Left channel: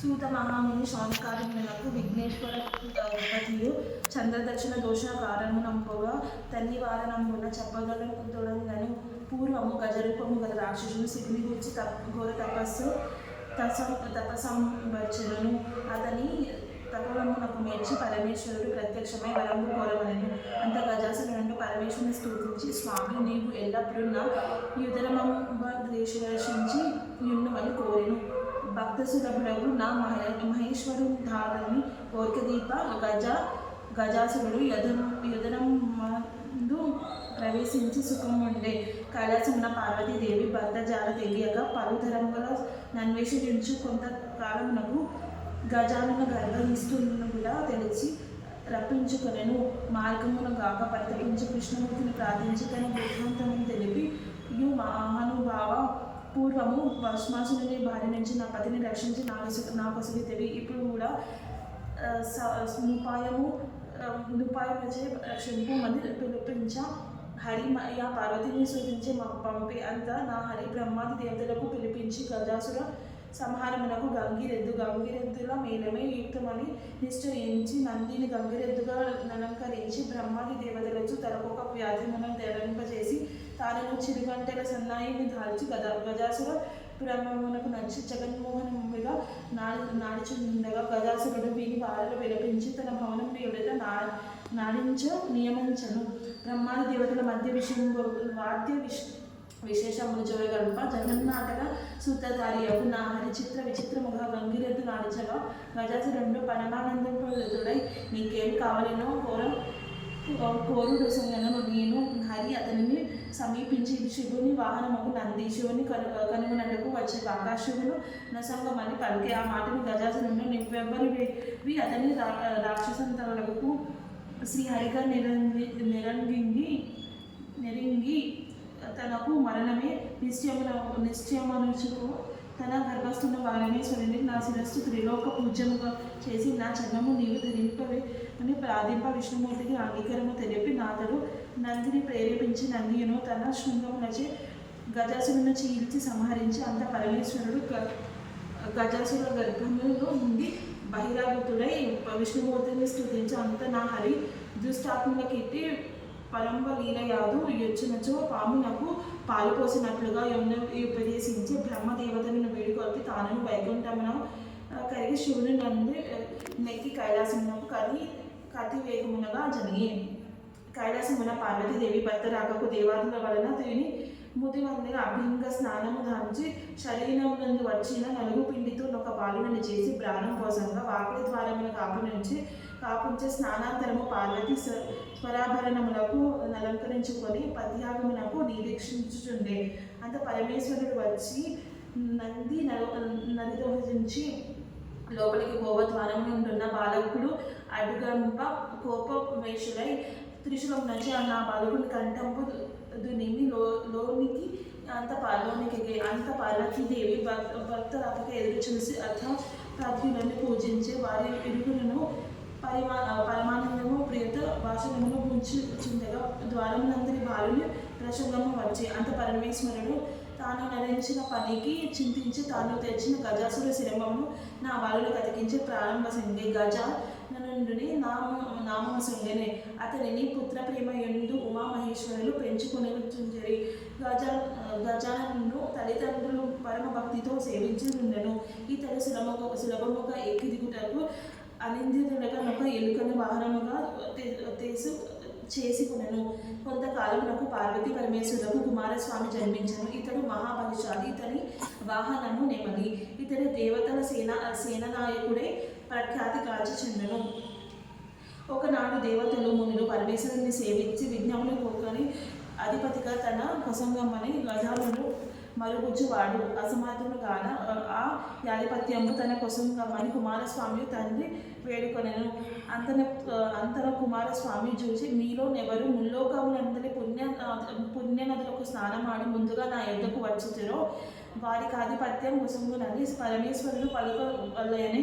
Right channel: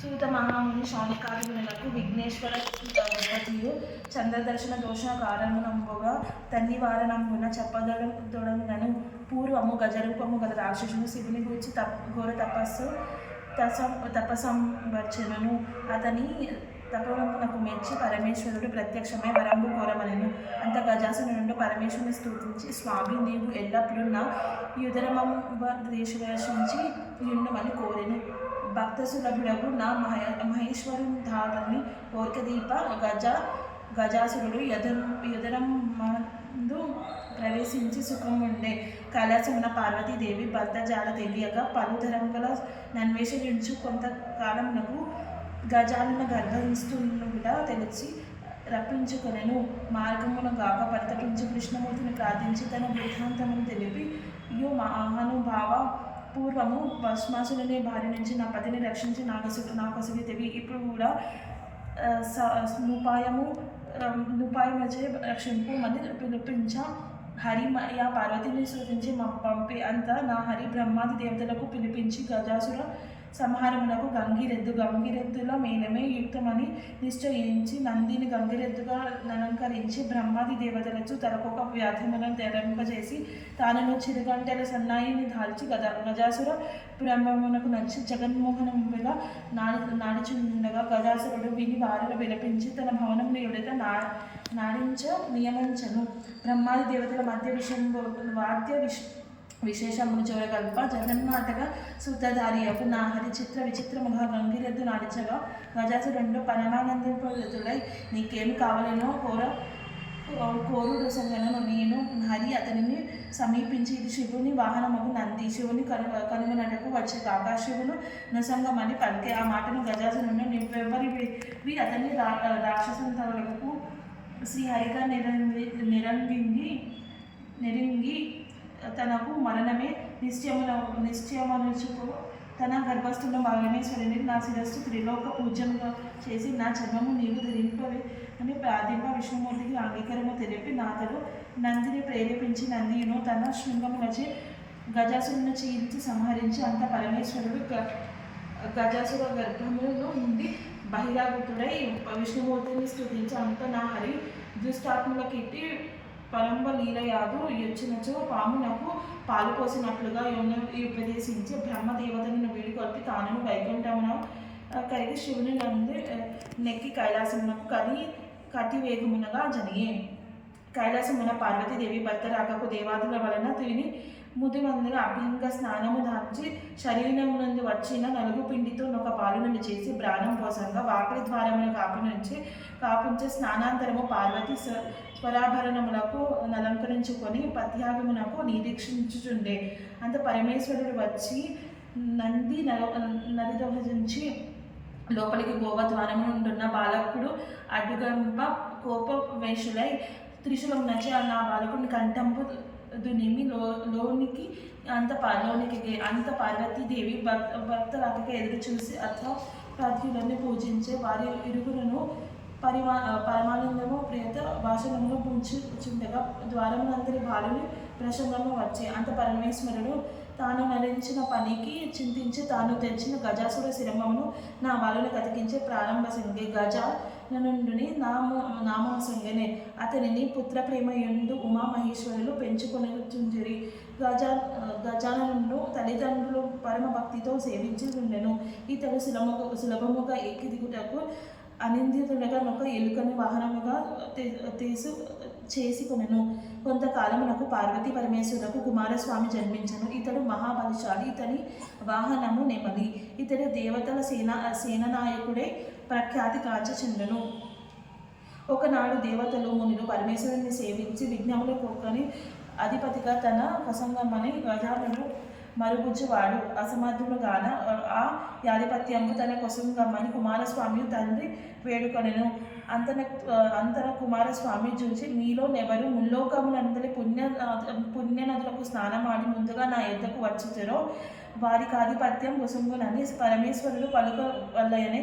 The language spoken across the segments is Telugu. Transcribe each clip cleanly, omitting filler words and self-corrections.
సూత మహాముని శౌనకాదిములకు విఘ్నేశ్వర పతియు చంద్రదర్శన దోష కారణముగా తన్నివారణమున చెప్పదొడంగను. పూర్వము గజరూపము గల రాక్షసుడు శివుని గురించి ఘోర తపసంవచనను. అతని తపవమునకు మెచ్చి పరమేశ్వరుడు ప్రత్యక్షమై వరంబు కోరవలెను. అంత గజాసురుడు పరమేశ్వరుని స్తుతించి, స్వామి నీవు ఎల్లప్పుడూ నా యుదరమంబదేశించి యుండుమని కోరెను. భక్త సులభుడగు నా మహేశ్వరుధారని ఓర్కదీప గజాసురుడు యుదరమందు ప్రవేశించి సుఖముండే. కైలాసమున పార్వతీదేవి భర్త జాడ తెలియక పలుతరముల నన్వేషించు కొంతకాలమునకు గజానున గర్భనిష్ఠునిగా తెలిసి రప్పించుకొనెను. మార్గమున గాక పరితపించు కృష్ణమూర్తిని ప్రార్థించి తన వృత్తాంతమును తెలిపి, యో మహానుభావ, పూర్వము భస్మాసురుని బారి నుంచి నా పతిని రక్షించి నా కొసగితివి. ఇప్పుడు కూడా నుపాయముచే రక్షింపు అని పిలిపించ. హరి యా పార్వతిని సూచించి పంపే అంత నా హరి బ్రహ్మాది దేవతలకు పిలిపించి గజాసుర సంహారమునకు గంగిరెద్దుల మేలమే యుక్తమని నిశ్చయించి నందిని గంగిరెద్దుగా అలంకరించి బ్రహ్మాది దేవతలకు తలకొక వ్యాధిమును ధరింపజేసి తానను చిరుగంటెల సన్నాయిని దాల్చి గజాసుర బ్రహ్మమునకు నచ్చి జగన్మోహనముగా నాడుచుండగా గజాసురుడు విని వారిలో విలపించి తన భవనమును ఎదుట నాడించ నియమించను. బ్రహ్మాది దేవతల మధ్య వాద్య విశేషములు చూడగల్ప జగన్నాటక సూత్రధారియకు నా హరి విచిత్రముగా గంగిరెద్దు నాడించగా గజాసురుడు పరమానందపురుడై నీకేమి కావాలనో కోరుడు సంగను. నేను హరి అతనిని సమీపించి ఇది శివుని వాహనముకు నంది, శివుని కనుగొనటకు వచ్చే ఆకాశివును నసంగమని పలికే. ఆ మాటను గజాసురుడు నివ్వెవ్వరివి అతని రాక్షసంతవులకు శ్రీహరిగా నెరింగి తనకు మరణమే నిశ్చయమనుచుకు తన గర్భస్థున్న పరమేశ్వరుని నా శిరస్సు త్రిలోక పూజ్యముగా చేసి నా చర్మము నీవు ధరింపవే అని ప్రార్థింప విష్ణుమూర్తికి అంగీకారము తెలిపి నాతడు నందిని ప్రేరేపించి నందియును తన శృంగమునచే గజాసురుని చీల్చి సంహరించి అంత పరమేశ్వరుడు గజాసుర గర్భములో నుండి బహిరాగతుడై విష్ణుమూర్తిని స్తుతించి అంత నా హరి దుష్టాత్మలకెట్టి పరంబ లీలయాదు యొచ్చినచో పామునకు పాలు పోసినట్లుగా ఉపదేశించి బ్రహ్మదేవతలను వీడికొల్పి తాను వైకుంఠమున కరిగి శివుని నంది నెక్కి కైలాసమునకు కతి వేగమునగా జనియే. కైలాసమున పార్వతీదేవి భర్త రాకకు దేవాదుల వలన తిని ముదిమందిగా అభ్యంగ స్నానము ధార్చి శరీరమునందు వచ్చిన నలుగు పిండితో ఒక బాలులను చేసి ప్రాణం పోసంగా వాకిలి ద్వారమును కాపుంచే స్నానాంతరము పార్వతి స్వరాభరణములకు అలంకరించుకొని పత్యాగమునకు నిరీక్షించుచుండే. అంత పరమేశ్వరుడు వచ్చి నదిదోహించి లోపలికి గోవద్వారమును ఉంటున్న బాలకుడు అడ్డుగంప కోపవేషులై త్రిశూలం నచ్చి నా బాలకుని కంఠంపు దునిమి లోనికి అంత పార్వతీదేవి భక్త రాకకి ఎదురు చూసి అర్థప్రాధ్యులను పూజించే వారి ఇరుగులను పరమానందము ప్రియత భాషణమును ఉంచుచుండగా ద్వారమునందరి బాలుని ప్రసన్నము వచ్చే. అంత పరమేశ్వరుడు తాను నరించిన పనికి చింతించి తాను తెచ్చిన గజాసుర శిరమము నా బాలులకు అతికించే ప్రారంభ సంగే గజాననుండుని నామము సంగనే. అతనిని పుత్ర ప్రేమయుండు ఉమామహేశ్వరులు పెంచుకొనిచుంజరి. గజాననుడు తల్లిదండ్రులు పరమ భక్తితో సేవించి ఉండెను. ఇతడు సులభముగా ఎక్కి దిగుటకు అనిందితుడగా ఒక ఎలుకను వాహనముగా చేసుకొనెను. కొంతకాలమునకు పార్వతీ పరమేశ్వరులకు కుమారస్వామి జన్మించను. ఇతడు మహాబలిశాలి. ఇతని వాహనము నెమలి. ఇతడు దేవతల సేననాయకుడై ప్రఖ్యాతి కాచుచుండెను. ఒకనాడు దేవతలు మునులు పరమేశ్వరుని సేవించి విఘ్నములు పోకొని అధిపతిగా తన కొసంగమని గజాలను మరుగుజ్జువాడు అసమర్థుడు గాన ఆ యాధిపత్యము తన కొసంగమని కుమారస్వామి తండ్రి వేడుకొనెను. అంతన కుమారస్వామి చూసి మీలో నెవరు ముల్లోకములందరి పుణ్యనదులకు స్నానమాడి ముందుగా నా యొద్దకు వచ్చుతారో వారికి ఆధిపత్యం కొసంగునని పరమేశ్వరుడు పలుకవలయని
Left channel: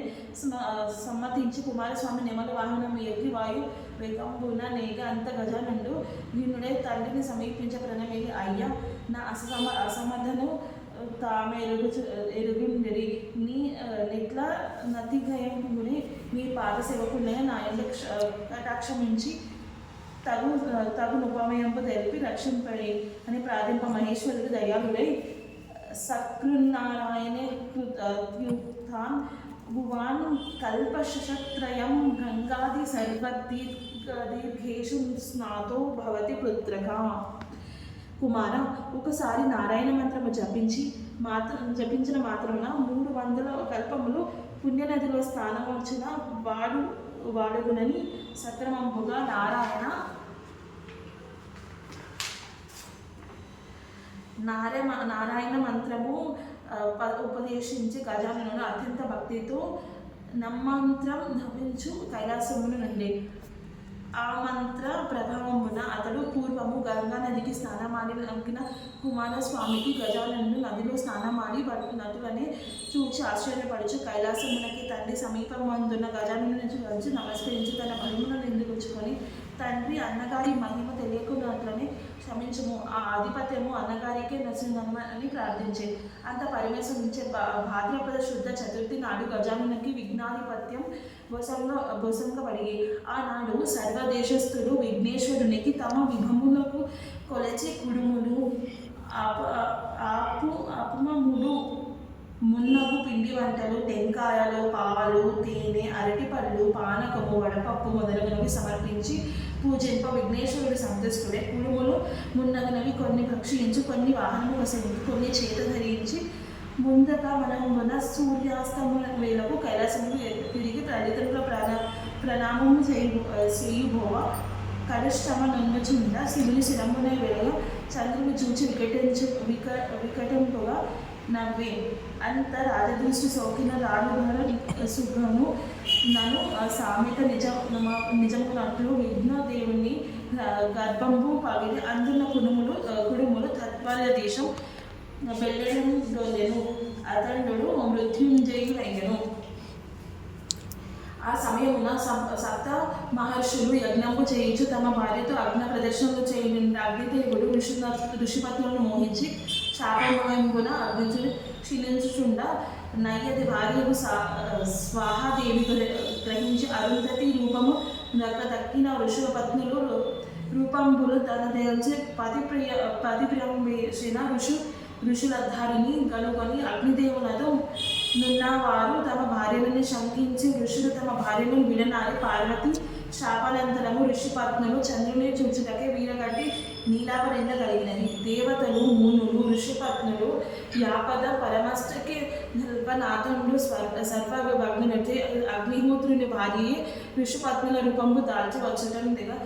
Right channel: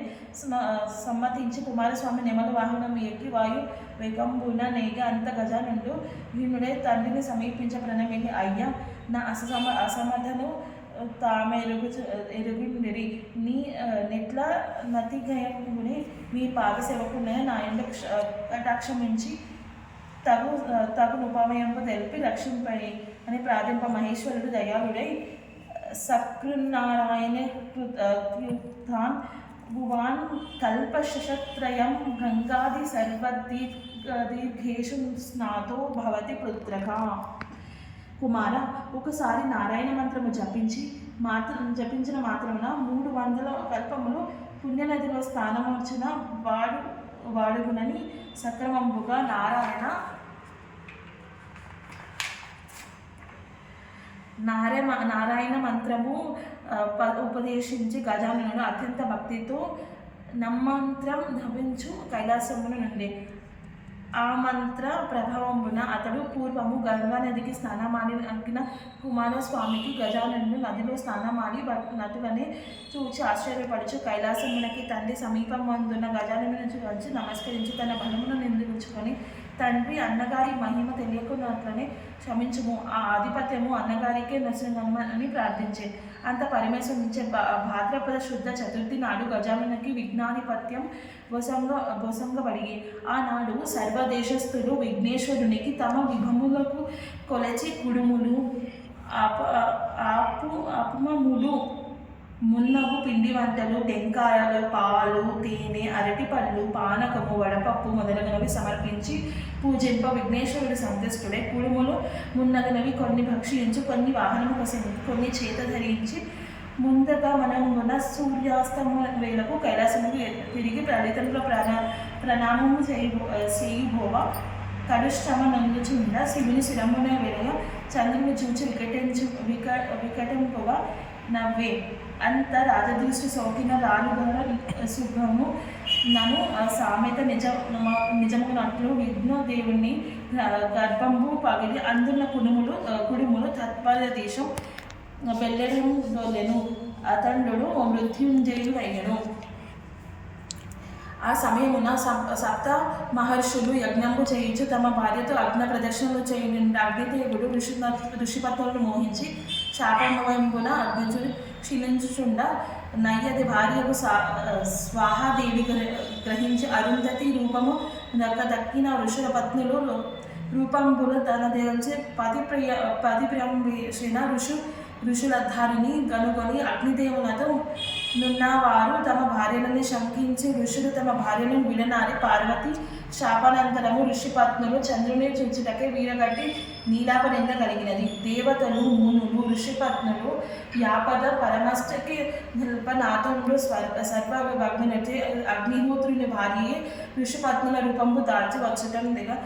సమ్మతించి కుమారస్వామి నెమలి వాహనం ఎక్కి వాయు వేగంబున నేగ అంత గజానుండు వీణుడే తండ్రిని సమీపించ ప్రణమిని అయ్యా నా అసమర్థను తామె ఎరుగుండిరి. నెట్ల నతిగయముని మీ పాద సేవకునే నా ఎందు కటాక్షమించి తగునుపమయంపు తెలిపి రక్షింపై అని ప్రార్థింప. మహేశ్వరుడు దయాళుడై సకృన్నారాయణ కృతాన్ భువాన్ కల్పశతత్రయం గంగాది సర్వదీర్ఘేషు స్నాతో భవతి పుత్రక. కుమార, ఒకసారి నారాయణ మంత్రము జపించిన మాత్రమున 300 కల్పములు పుణ్యనదిలో స్థానమొచ్చిన వాడుగునని సక్రమంబుగా నారాయణ మంత్రము ఉపదేశించి గజాననుడు అత్యంత భక్తితో నమ్మంత్రం ధవించు కైలాసమును నుండి. ఆ మంత్ర ప్రభావమున అతడు పూర్వము గంగా నదికి స్నానమాడి అంకిన కుమారస్వామికి గజాననుడు నదిలో స్నానమాడి నటులని చూచి ఆశ్చర్యపడుచు కైలాసమునకి తండ్రి సమీపమందున్న గజాననుని వచ్చి నమస్కరించి తన బలమును నిందించుకొని, తండ్రి అన్నగారి మహిమ తెలియకున్నట్లనే క్షమించుము, ఆ ఆధిపత్యము అన్నగారికే నచ్చని ప్రార్థించే. అంత పరమేశ్వరించే భాద్రపద శుద్ధ చతుర్థి నాడు గజాననునికి విఘ్నాధిపత్యం భోసంగబడిగి. ఆనాడు సర్వదేశస్థులు విఘ్నేశ్వరునికి తమ విభములకు కొలచి కుడుములు అపుమములు మున్నగు పిండి వంటలు, టెంకాయలు, పాలు, తేనె, అరటిపళ్ళు, పానకము, వడపప్పు మొదలగునవి సమర్పించి పూజింప. విఘ్నేశ్వరుడు సంతుష్టుడే. కుడుములు మున్నగునవి కొన్ని భక్షించి, కొన్ని వాహనములు సేవించి, కొన్ని చేత ధరించి ముందగా మనమున సూర్యాస్తమ వేళకు కైలాసముకు తిరిగి తల్లిదండ్రుల ప్రణామము చేయుబోవ. కడుష్టమ నొందుచుండ శివుని శిరమున వెలయ చంద్రుని చూచి వికటింపుగా నవ్వే. అంత రాజదృష్టి సోకిన రాలుగోర శుభము నన్ను సామెత నిజమునట్లు విఘ్నదేవుని గర్భంబు పగిలి అందున్న కుడుములు తత్పర్య దేశం వెల్లడము దోలెను. అతండు మృత్యుంజయుడు అయ్యను. ఆ సమయమున సప్త మహర్షులు యజ్ఞము చేయించు తమ భార్యతో అగ్ని ప్రదర్శనలు చేయని అగ్నిదేవుడు ఋషిపత్నులను మోహించి శాపమయంబున అగ్నిచుడు క్షీణించుచుండ నయ్యది భార్యకు స్వాహాదేవి గ్రహించి అరుంధతి రూపము దక్కిన ఋషుల పత్నులు రూపంబులు తన దేవచి పతిప్రియంబేసిన ఋషులధారిని కనుగొని అగ్నిదేవులతో నున్నవారు తమ భార్యలను శంకించి ఋషులు తమ భార్యను విడనాడి పార్వతి శాపానంతరము ఋషిపత్నులు చంద్రుని చూచుటకే వీరగట్టి నీలాపనింద కలిగినది. దేవతలు, మునులు, ఋషిపత్నులు యాపద పరమష్టకి నిల్పనాథుడు సర్వభగ్నునటి అగ్నిహోత్రుని భార్యే ఋషిపత్నుల రూపంబు దాల్చి వచ్చటందిగా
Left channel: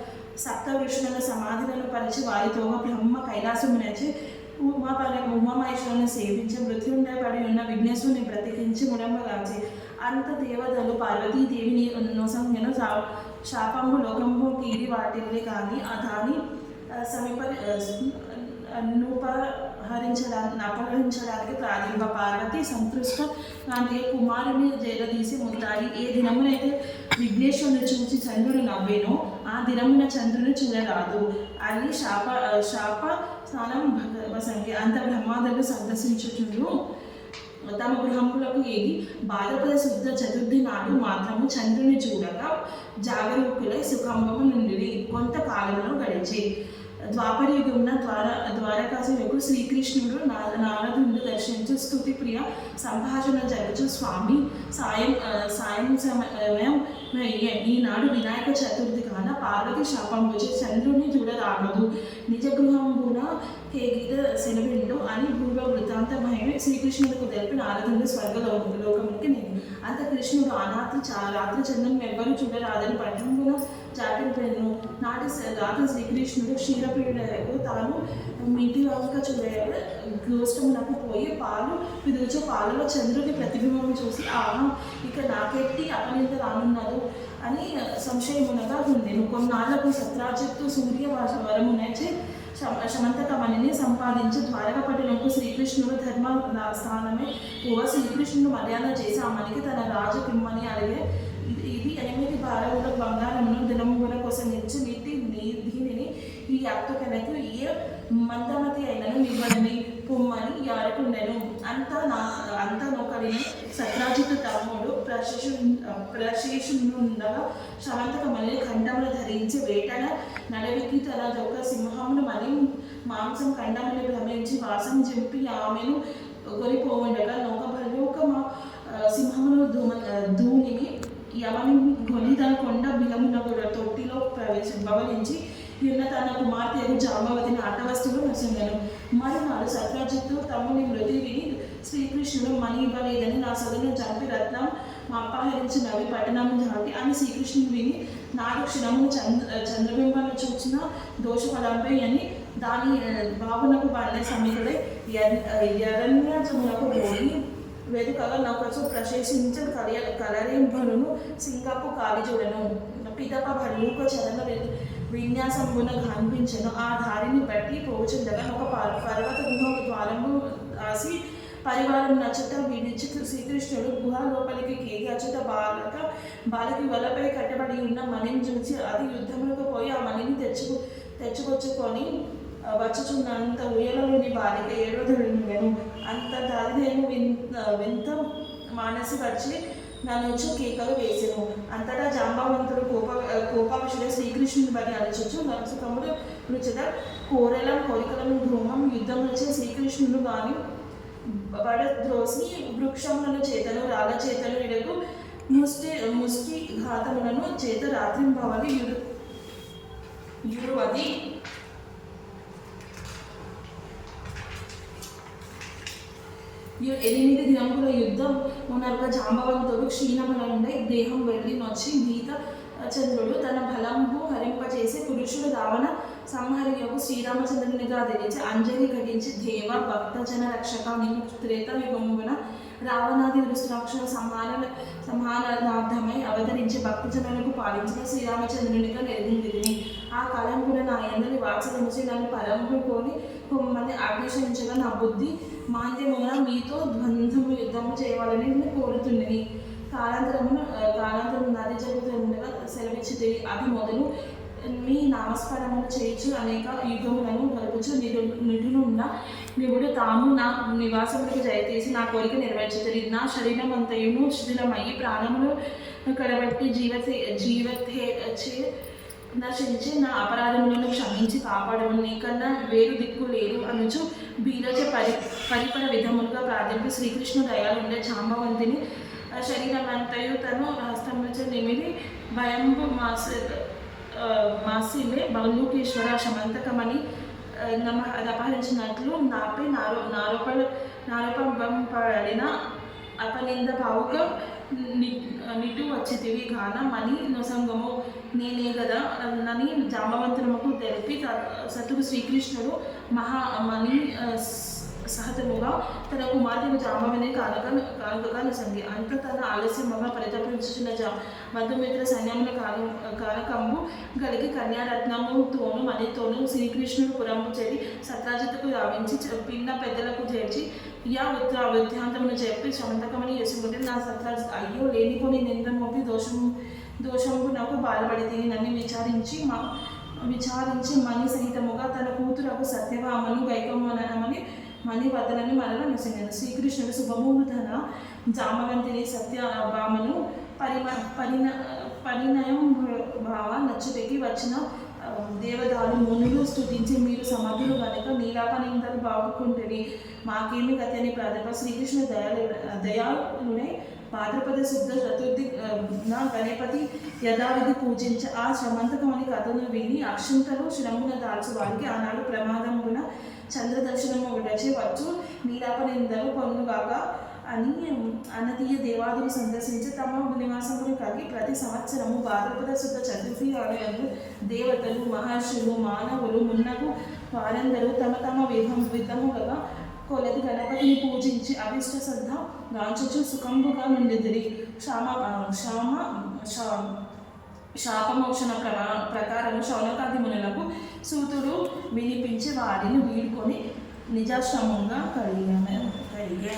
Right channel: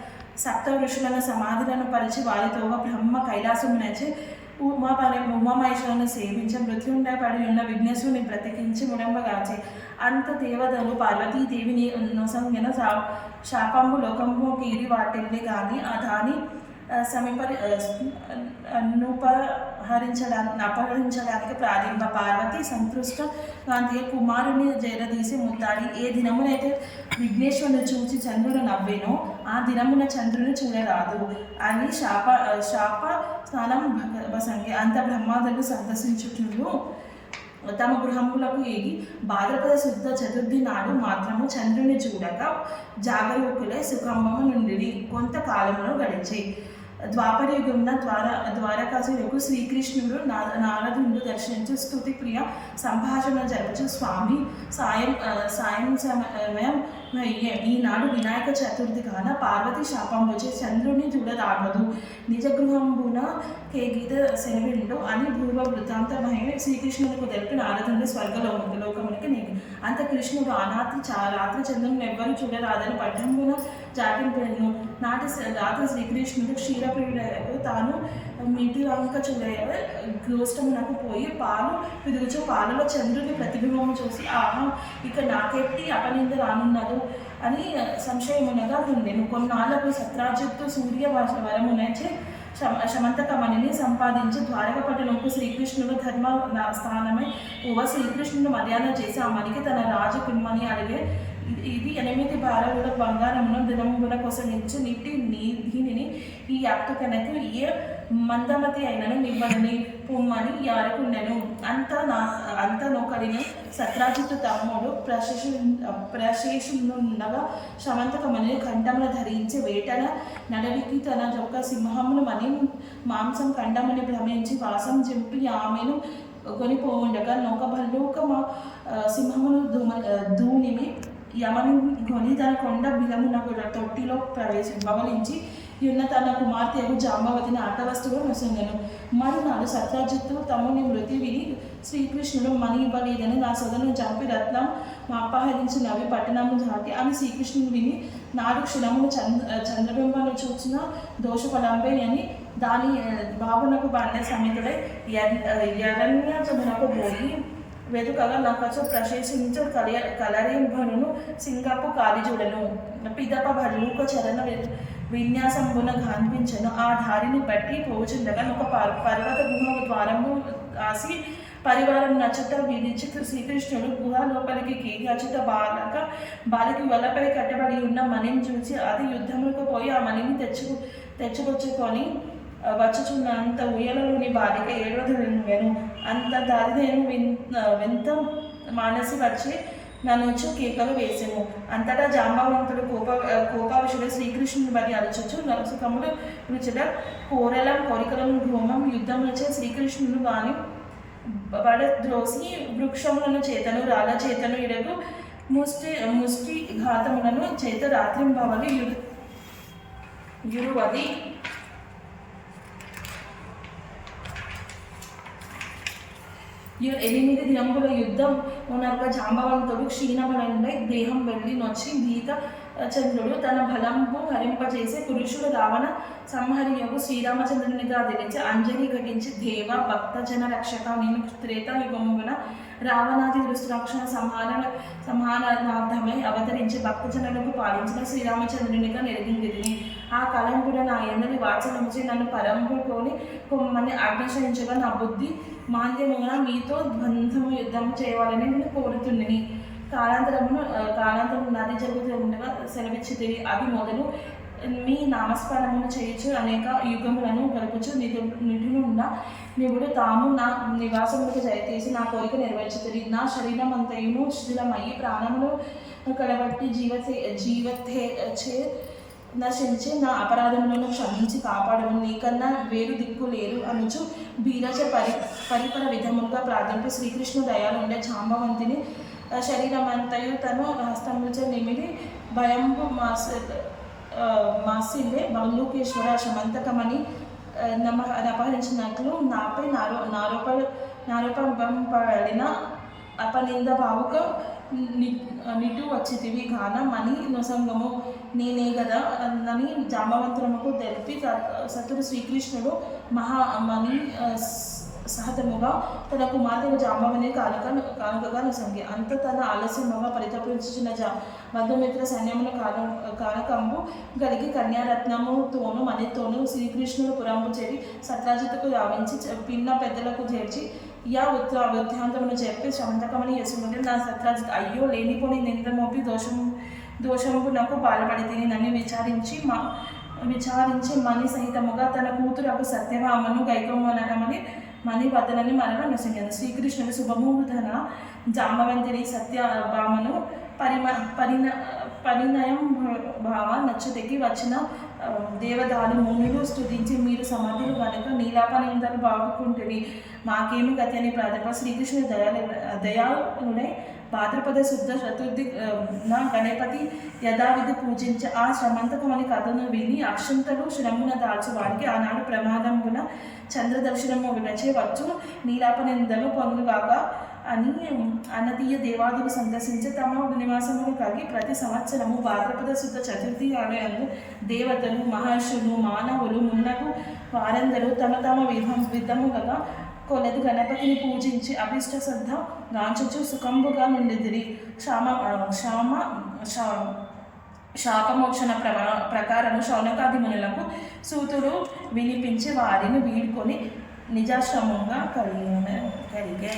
సప్త ఋషులను సమాధులను పరిచి వారితో బ్రహ్మ కైలాసమునచి ఉమామహేశ్వరులను సేవించి మృత్యుండై పడి ఉన్న విఘ్నేశ్వరుని బ్రతికించి ముడంబగాచి. అంత దేవతలు పార్వతీదేవిని నొసంగిన శాపంబు లోకంబు కీడి వాటిల్లి కానీ దాని అపహరించడానికి ప్రారంభ. పార్వతి సంతృష్ట గాంధీ కుమారుని జైలదీసి ముద్దాడి. ఏ దినమునైతే విఘ్నేశ్వరుని చూసి చంద్రుడు నవ్వేనో ఆ దినమున చంద్రుని చూడరాదు అని శాప స్నానం వసంగి. అంత బ్రహ్మాదులు సందర్శించుటూ తమ గృహములకు ఏగి భాద్రపద శుద్ధ చతుర్థి నాడు మాత్రము చంద్రుని చూడక జాగరూకులై సుఖంభము నుండి కొంతకాలంలో గడిచి. ద్వాపరయుగమున ద్వారకాసులకు శ్రీకృష్ణుడు నారదుడు దర్శించు స్తుతి ప్రియ సంభాషణ జరగచ్చు. స్వామి సాయం సమయం ఈనాడు వినాయక చతుర్థి కాన పార్వతి శాపం వచ్చి చంద్రుని చూడరాగదు, నిజ గృహంబున కేగీత శనివిండు అని పూర్వ వృత్తాంతమై శ్రీకృష్ణునికి తెలిపి నారదుని స్వర్గలోకమునికి నేను. అంత కృష్ణుడు రాత్రి చంద్రుని ఎవ్వరూ చూడరాదని పట్టణమున జాగ్రత్తను రాత్రి శ్రీకృష్ణుడు క్షీరప్రియుడకు తాను మీటి వంక గోష్టమునకు పోయి పాలు పిదుచు పాలలో చంద్రుని ప్రతిబింబం చూసి ఆహా ఇక నాకెట్టి అపనింద రానున్నదు అని సంశయమునగా ఉండేను. కొన్నాళ్లకు సత్రాజిత్తు సూర్య వరమునచే శమంతకమణిని సంపాదించి ద్వారకపట్టణంకు శ్రీకృష్ణుడు ధర్మ స్థానమై శ్రీకృష్ణుడు మర్యాద చేసి ఆ మణికి తన రాజు కిమ్మని అడిగే. ఇది 8 భారముల బంగారమును దినముల కోసం ఇచ్చి దీనిని ఈ యాప్తుకనకు ఏ మందమతి అయినను మిమ్మల్ని పొమ్మని యారకుండెను. అంత నొకడిని సత్రాజిత్తు తమ్ముడు ప్రశేషుండగా శమంతకమణిని కంఠంలో ధరించి వేటన నడవికి తన యొక్క సింహమును మణి మాంసం కండమని భ్రమించి వాసం చింపి ఆమెను కొనిపోవుండగా నొక సింహమును ధూనిమి యమని కొని తన కొండ బిలమునకు తొట్టిలో బవలించి ఉన్న తన కుమార్తెకు జాంబవతిని ఆటవస్తువు నొసంగను. మరునాడు సత్రాజిత్తు తమ్ముని మృతి విని శ్రీకృష్ణుడు మణి ఇవ్వలేదని నా సొగను చంపి రత్నం అపహరించినవి పట్టణము దాటి అని శ్రీకృష్ణుడు విని నాడు క్షణమును చంద్రబింబాలు చూచిన దోషఫలంపై అని దాని బాబునకు బాల్య సమితుడై యరణ్యమునకు పోయి వెతుకగా నా కోసం ప్రశంసించు కలరింభను సింగపు కాలిజుడను పిదప భూక చరణ విన్యాసమున కనిపించను. ఆ దారిని బట్టి పోచుండగా ఒక పర్వత గుహ ద్వారము ఆసి పరివారం నచ్చట విడిచి శ్రీకృష్ణుడు గుహ లోపలికి కేగి అచ్చుట బాలకి వలపై కట్టబడి ఉన్న మణిని చూసి అది యుద్ధములకు పోయి ఆ మణిని తెచ్చుకొచ్చుకొని వచ్చుచున్నంత ఊయలలోని బాలిక ఏడవదను. అంత దారిని వింత మానసి వచ్చి నన్ను కేకలు వేసెను. అంతటా జాంబవంతుడు కోపావిషుడు శ్రీకృష్ణుని బలి అలచొచ్చు నరసుకముడు రుచిత కోరికలను ధూమం యుద్ధం వచ్చే శ్రీకృష్ణుడు వాని బడద్రోసి వృక్షములను చేతను రాళ్ళ చేతను ఇడగు ముష్టి ఘాతములను చేత రాత్రింబవలు యురువది 8 దినముల యుద్ధం ఉన్నరుగా జాంబవంతుడు క్షీణమునుండై దేహం వెళ్ళి నొచ్చి భీత చంద్రుడు తన బలంబు హరింపజేసి పురుషుడు రావణ సంహరియకు శ్రీరామచంద్రునిగా ధరించి అంజలి ఘటించి దేవ భక్తజన రక్షక నేను త్రేతాయుగమున రావణాది దృష్టిరక్షణ సమానార్థమై అవతరించి భక్తజనులకు పాలించిన శ్రీరామచంద్రునిగా నెరగిందిని. ఆ కాలం కూడా నా ఎందరి వాత్సలించి నన్ను పరంపుకొని కొమ్మని ఆకర్షించగా నా బుద్ధి మాంద్యమున మీతో ద్వంద్వము యుద్ధము చేయాలని నేను కోరుతున్నది. కాలాంతరము నది జరుగుతూ ఉండగా సెలవిచ్చి అది మొదలు మీ నామస్మరణమును చేయొచ్చు అనేక యుగములను గడుపుచు నిధులున్న నివుడు తాము నా నివాసములకు జయతీసి నా కోరిక నెరవేర్చుతుంది. నా శరీరం అంతయును శిథిలమయ్యి ప్రాణములు కడబట్టి జీవతే నశించి నా అపరాధములను క్షమించి కాపాడము నీకన్నా వేరు దిక్కు లేరు అనుచు బీరచ పరిపర విధములుగా ప్రార్థింపు శ్రీకృష్ణు దయాలుండే జాంబవంతిని శరీరం అంతయు తను హస్తములచే నిమిడి భయంబు మాసిలే బౌలూకేశ్వర శమంతకమని అపహరించినట్లు నాపై నారోపబడిన అపనింద భావుక నిటు వచ్చితివి గాన మణి నొసంగము నేనే గదా అని జాంబవంతనముకు తెలిపి సతుడు శ్రీకృష్ణుడు మహామణి సహతముగా తన కుమార్తెను జాంబవని కానుకగా నొసంగి. అంత తన ఆలస్యముగా పరితపించుచున్న మధుమిత్ర సైన్యమున కానకంబు కలిగి కన్యారత్నముతోను మణితోను శ్రీకృష్ణుడు పురంపు చేరి సత్రాజిత్తుకు రావించి పిన్న పెద్దలకు చేర్చి వృత్తాంతమును చెప్పి శమంతకమని చేసుకుంటే నా సత్రాజిత్ అయ్యో లేనిపోని నింద్రమోపి దోషము నాకు బాధపడితే నన్ను విచారించి మణి సహితముగా తన కూతురకు సత్యభామను గైకమ్మనమని మణి వదలని మనలో నొసంగను. శ్రీకృష్ణుడు శుభముహూర్తన జాంబవంతిని సత్యభామను పరిణయం భావ నచ్చుటకి వచ్చిన దేవదాలు మునులు స్తుతించి మీరు సమర్థులు కనుక నీలాపనిందలు బాగుకుంటుంది మాకేమి గతి అని ప్రార్థన. శ్రీకృష్ణుడు దయాళుడై భాద్రపద శుద్ధ చతుర్థి నా గణపతి యథావిధి పూజించి ఆ శ్రమంతకమని కథను విని అక్షంతలు శ్రమున దాల్చు వారికి ఆనాడు ప్రమాదమున చంద్రదర్శనము విడచే వచ్చు నీలాపనిందలు పొందుగాక అని అన్నదీయ దేవాదులు సందర్శించి తమ నివాసములు కలిగి ప్రతి సంవత్సరము భాద్రపద శుద్ధ చతుర్థి ఆలయము దేవతలు మహర్షులు మానవులు మున్నగు వారందరూ తమ విధములుగా కొలది గణపతిని పూజించి అభిష్ట శ్రద్ధ గాంచుచు సుఖంబుగా నుండిదిరి. శాపమోక్షణ ప్రకారము శౌనకాది మునులకు సూతుడు వినిపించి వారిని వీడుకొని నిజాశ్రమంగా కలిగే.